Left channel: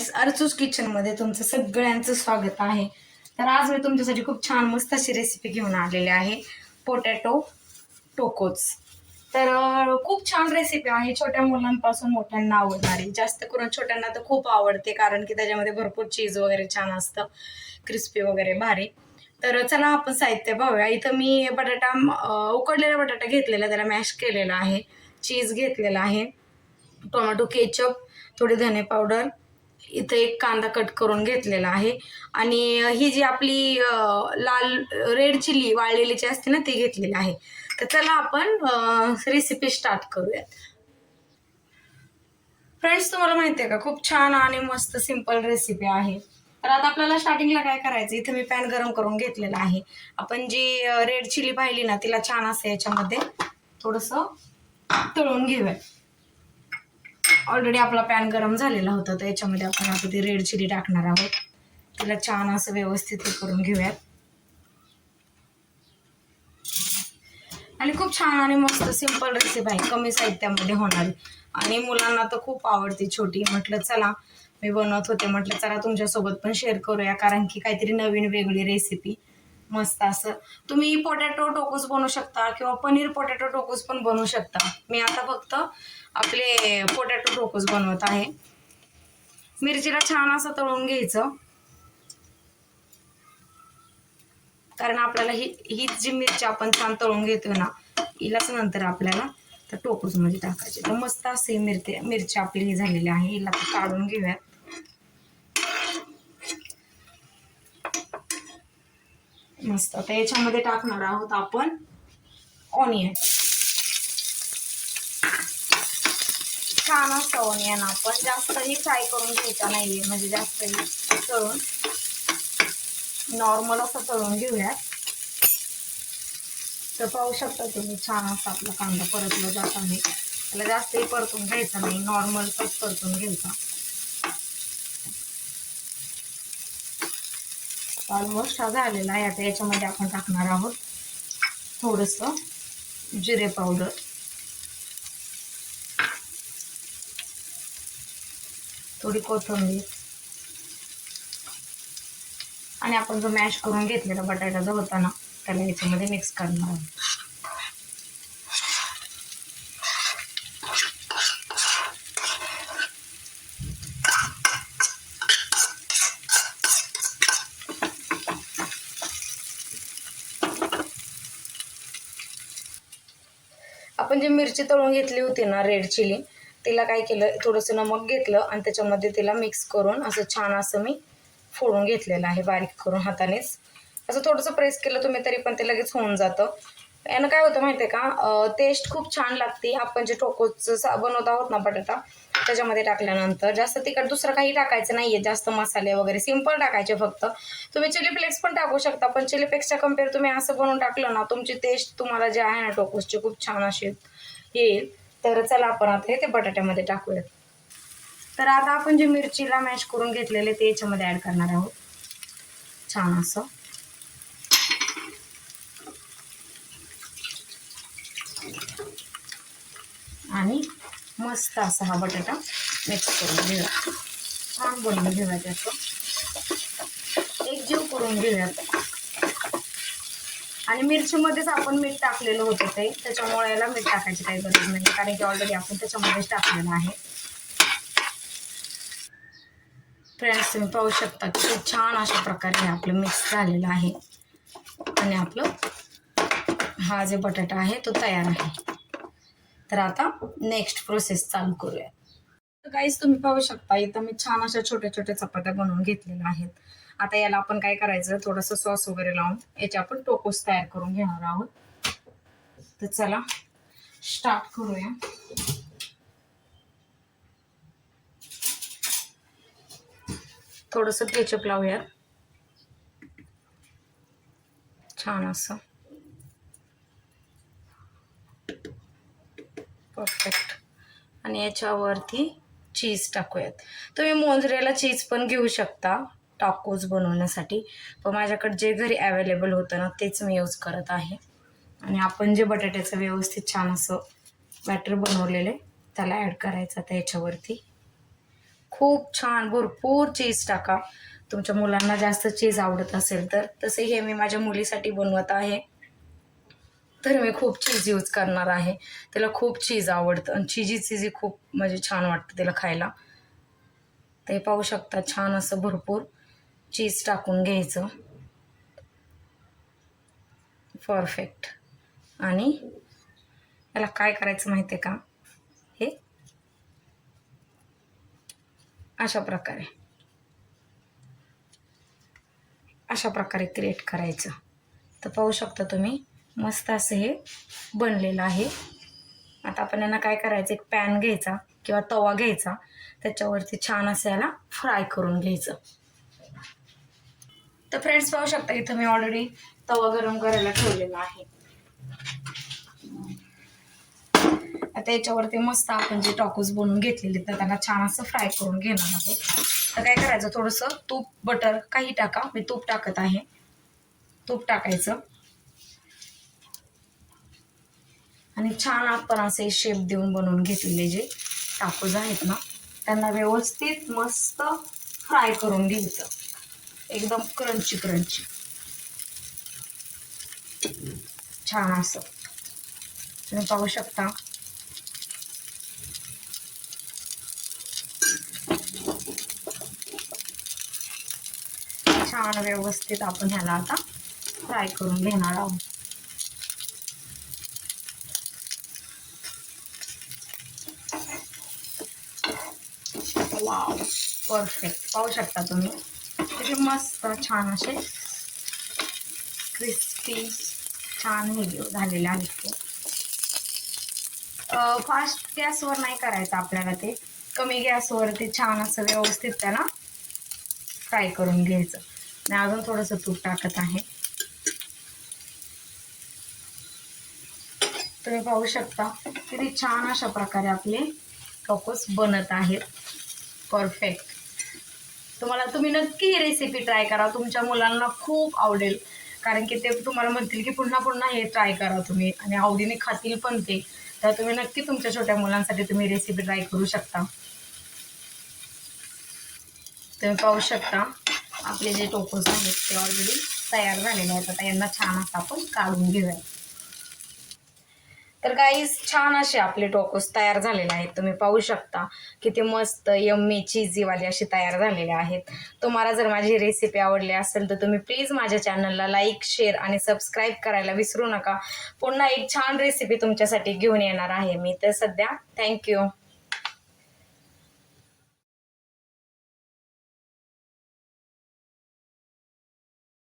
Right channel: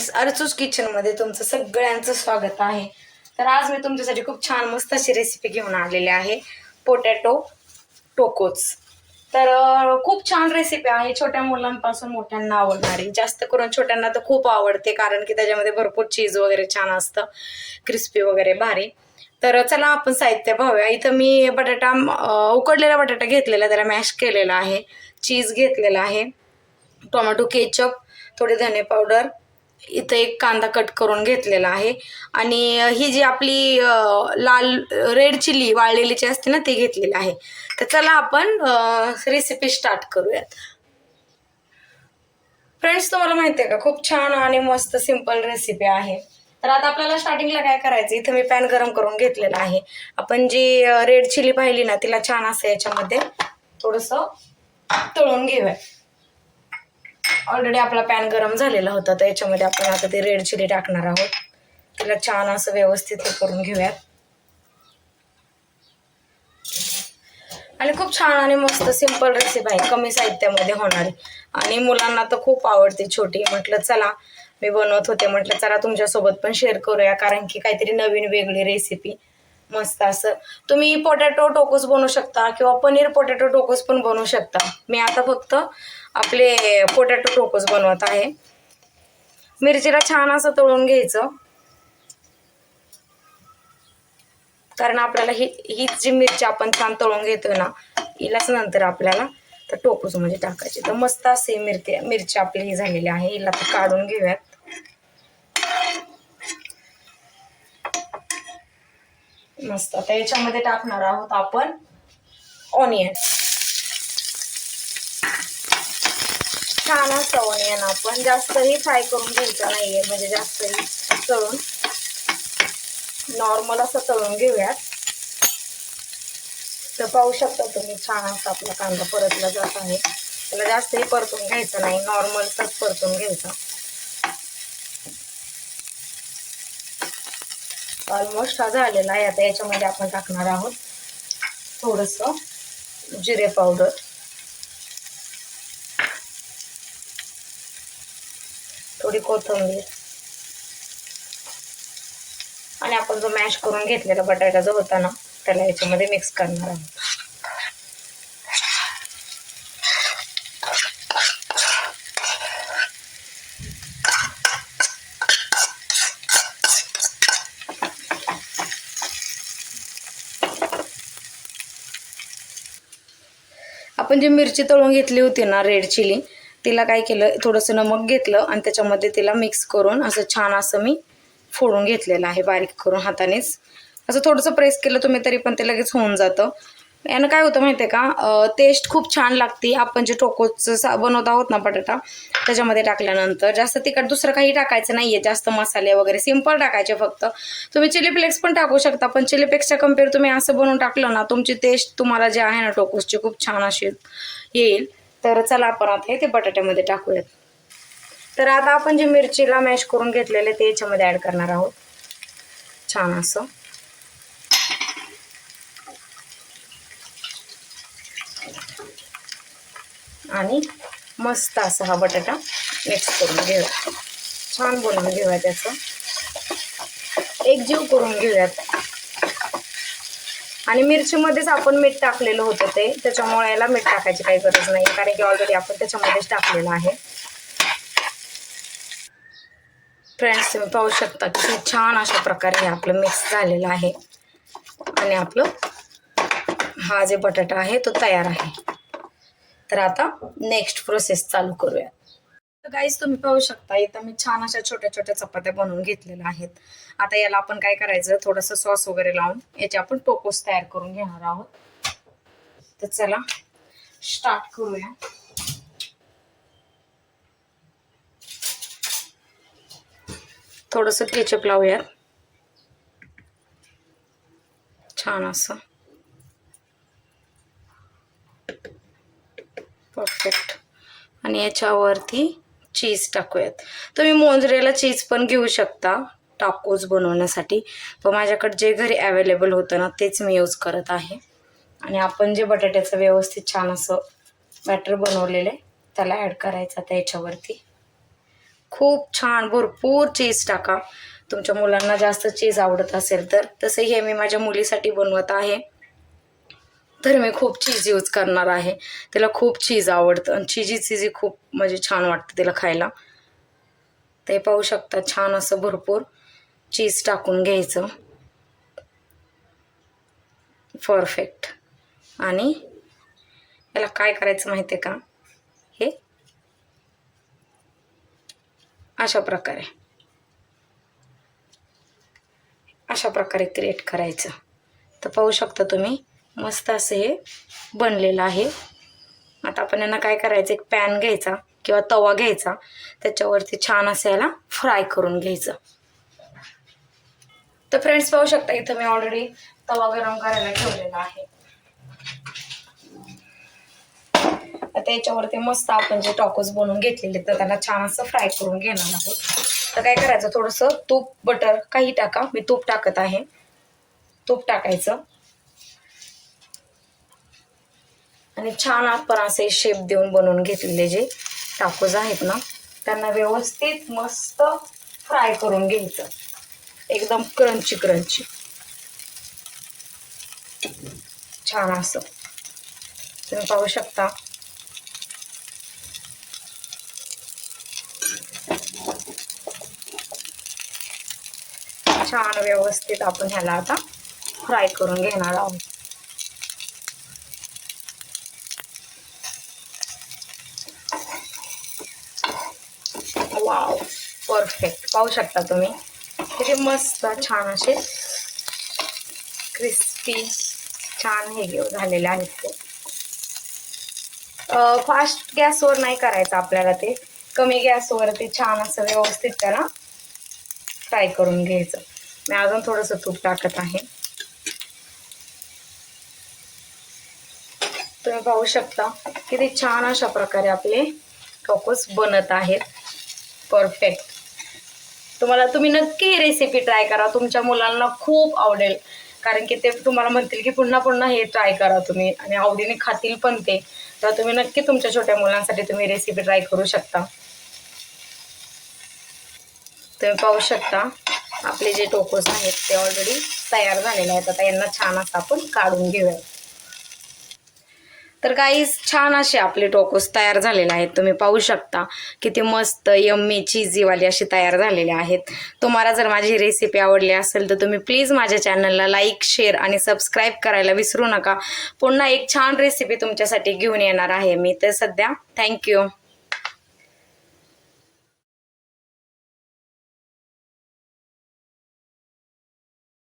Friends अर्चूस किचनमध्ये तुमचं सगळ्यांचं स्वागत आहे. तर आज मी तुमच्यासाठी खूप छान मस्त अशी रेसिपी घेऊन आलेली आहे. पोटॅटो टोकोच तर खूप छान रेसिपी आहे. छोट्या मुलांपासून मोठ्यांना आवडणारी. जास्त करून छोट्यांना तर खूप आवडते कारण की त्याच्यामध्ये भरपूर चीज वगैरे छान असतं. क्रिस्पी वगैरे भारी. तर चला आपण साहित्य पाहूया. इथं मी बटाटा उकडलेला बटाटा घेतलेला त्याला मॅश केलेला आहे. चीज घेतलेला आहे. टोमॅटो केचप थोडी धने पावडर इथं एक कांदा कट करून घेतलेला आहे. आणि ही जी आपली लाल रेड चिली वाळलेली जी असते ना ती घेतलेली आहे. तर चला आपण रेसिपी स्टार्ट करूयात. फ्रेंड्स तुम्हाला माहिती आहे का खूप छान आणि मस्त सिंपल रेसिपी आहे. तर आता आपल्याला स्टार्टिंगला काय करायचं? इथं मी पॅन गरम करून घेतलेला आहे. आपण जी रेड चिली पाहिली ना तिला छान असं याच्यामध्ये थोडंसं तळून घेऊया ऑलरेडी आपला पॅन गरम झालेला होता तर याच्यामध्ये आपण आता ते रेड चिली टाकणार आहोत. तिला छान असं व्यवस्थित हे करून घेऊयात. आणि खूप छान आणि मस्त सिंपल रेसिपी आहे कमी साहित्यामध्ये होणारी. आणि मुलांना तर खूप आवडते छोटी. म्हटलं चला मी बनवत होते. म्हटलं चला तुमच्यासोबत पण शेअर करूया कारण की काहीतरी नवीन वेगळी रेसिपी मस्त असं. तुम्ही पोटॅटो टोकोस बनवू शकता किंवा पनीर पोटॅटो टोकोस पण बनवू शकता. मी आता फक्त आपले पोटॅटो टोकोस बनवत आहे. मिरचीला छान असं तळून घ्यायचं. कारण आपल्याला ही हीच जी मिरची आपण छान तळून घेतोय ना हिलाच नंतर आपल्याला तर टोकोस म्हणजे टाकायची. तर मस्त असे मिरची मिरची आपली ही झालेली आहे. हिला काढून घेऊयात. मस्त. आता याच्यामध्ये टाकणार आहोत आपण ऑनियन छान असतं ऑनियन आपण. जास्तही फ्राय करून घ्यायचा नाहीये. म्हणजे जास्तही तळून. नॉर्मल असं तळून घेऊयात. तर पाहू शकता तुम्ही छान असा आपला कांदा परतला जात आहे. त्याला जास्तही परतून घ्यायचा नाही. नॉर्मलचाच परतून घ्यायचा. ऑलमोस्ट हा झालेला आहे. आता याच्यामध्ये आपण टाकणार आहोत थोडंसं जिरे पावडर थोडी कोथिंबीर. आणि आपण जो मॅश करून घेतलेला बटाटा जो होता ना त्याला याच्यामध्ये मिक्स करणार आहोत. आपण जी मिरची तळून घेतली होती ना रेड चिली तिला काय केलं थोडंसं नमक घेतलं आणि त्याच्यामध्ये तिला मिक्स करून असं छान असं मी फोडून घेतलेलं आहे बारीक करून हातानेच. असं थोडंसं प्रेस केलं तुम्ही तरी पण ते लगेच होऊन जातं. यानं काय होतं माहिती आहे का टेस्ट खूप छान लागते. आपण जे टोकोचं सा बनवत आहोत ना बटाटा त्याच्यामध्ये टाकल्यानंतर जास्त तिखट दुसरं काही टाकायचं नाही आहे जास्त मसाले वगैरे सिंपल टाकायचे फक्त. तुम्ही चिली फ्लेक्स पण टाकू शकता पण चिली फ्लेक्सच्या कंपेअर तुम्ही असं बनवून टाकलं ना तुमची टेस्ट तुम्हाला जे आहे ना टोकोसची खूप छान अशी येईल. तर चला आपण आता ते बटाट्यामध्ये टाकूयात. तर आता आपण जे मिरचीला मॅश करून घेतलेले ते याच्यामध्ये ॲड करणार आहोत. छान असं. आणि मस्त असा हा बटाटा मिक्स करून घेऊया. छान बनवून घेऊया त्याचं. एक जीव करून घेऊयात. आणि मिरचीमध्येच आपण मीठ टाकलेलं होतं ते. त्याच्यामुळे याला मीठ टाकायची काही गरज नाही कारण की ऑलरेडी आपण त्याच्यामध्येच टाकलेलं आहे. फ्रेंड्स तुम्ही पाहू शकता की छान अशा प्रकारे हे आपलं मिक्स झालेलं आहे. आणि आपलं हा जे बटाटा आहे तो तयार आहे. तर आता नेक्स्ट प्रोसेस चालू करूया. गाईज तुम्ही पाहू शकता इथं मी छान अशा छोट्या छोट्या चपात्या बनवून घेतलेल्या आहेत. आता याला आपण काय करायचं थोडंसं सॉस वगैरे लावून याचे आपण टोकोस तयार करून घेणार आहोत. तर चला स्टार्ट करूया. थोडंसं केचप लावूया छान असं परफेक्ट आणि याच्यावरती चीज टाकूयात. तुम्ही मोजरेला चीज पण घेऊ शकता टाकोज बनवण्यासाठी. पण माझ्याकडे जे घरी अवेलेबल होतं ना तेच मी यूज करत आहे. आणि आपण जे बटाट्याचं व्यवस्थित छान असं बॅटर बनवलेलं आहे त्याला ॲड करायचं आता याच्यावरती. खूप छान भरपूर चीज टाका. तुमच्या मुलांना जास्त चीज आवडत असेल तर तसं हे मी माझ्या मुलीसाठी बनवत आहे. तर मी खूप चीज यूज करणार आहे. तिला खूप चीज आवडतं आणि चिजी चिजी खूप म्हणजे छान वाटतं तिला खायला. ते पाहू शकता छान असं भरपूर चीज टाकून घ्यायचं. परफेक्ट आणि याला काय करायचं माहिती आहे का? हे अशा प्रकारे. अशा प्रकारे क्रिएट करायचं. तर पाहू शकता तुम्ही मस्त असं हे बनलेलं आहे. आता आपण यांना काय करायचं? एक पॅन घ्यायचा किंवा तवा घ्यायचा. त्याच्यावरती छान असं याला फ्राय करून घ्यायचं. तर फ्रेंड्स पाहू शकता इथं मी ऑलरेडी तवा गरम करायला ठेवलेला आहे. आता याच्यावरती मस्त आपण जे टॉकोज बनवून घेतलेले तर त्याला छान असं फ्राय करून घेणार आहोत. तर काय करायचं? थोडंसं तूप बटर काही टाका. मी तूप टाकत आहे. तूप टाकायचं. आणि छान आपण असे शेप देऊन बनवून घेतलेले जे टाकोज आहेत ना त्यांना व्यवस्थित मस्त फ्राय करून घ्यायचं. एकदम क्रंची क्रंची छान असं. तुम्ही पाहू शकता. छान व्यवस्थित आपण ह्याला आता फ्राय करून घेणार आहोत. परफेक्ट पाहू शकता तुम्ही. तसे मस्त छान असे क्रिस्पी छान हे घेऊ झालेले आहेत ते. फास्ट गॅसवर नाही करायचं आपल्याला ते. कमी गॅसवर ते छान असं व्यवस्थित त्याला फ्राय करून घ्यायचं. मी अजून थोडंसं तूप टाकत आहे. तुम्ही पाहू शकता किती छान अशा प्रकारे आपले कोकोस बनत आहेत. परफेक्ट तुम्हाला तुम्ही नक्की ही रेसिपी ट्राय करा. तुमच्या मुलांना खूप आवडेल. कारण की ते तुम्हाला म्हणतील की पुन्हा पुन्हा हे ट्राय करा तुम्ही. आणि आवडीने खातील पण ते. तर तुम्ही नक्की तुमच्या छोट्या मुलांसाठी तुम्ही रेसिपी ट्राय करू शकता. तुम्ही पाहू शकता आपले जे टोकोस आहेत ते ऑलरेडी तयार झालेले आहेत. आता यांना छान असं आपण काढून घेऊया. तर काही छान असे आपले टोकोस तयार झालेले आहेत. तुम्ही पाहू शकता किती मस्त यम्मी चीजीवाली अशी तयार झालेले आहेत. तुम्हाला जर माझी रेसिपी आवडली असेल तर तुम्ही प्लीज माझ्या चॅनलला लाईक शेअर आणि सबस्क्राईब करायला विसरू नका. पुन्हा एक छान रेसिपी तुमच्यासाठी घेऊन येणार आहे मी. तर सध्या थँक्यू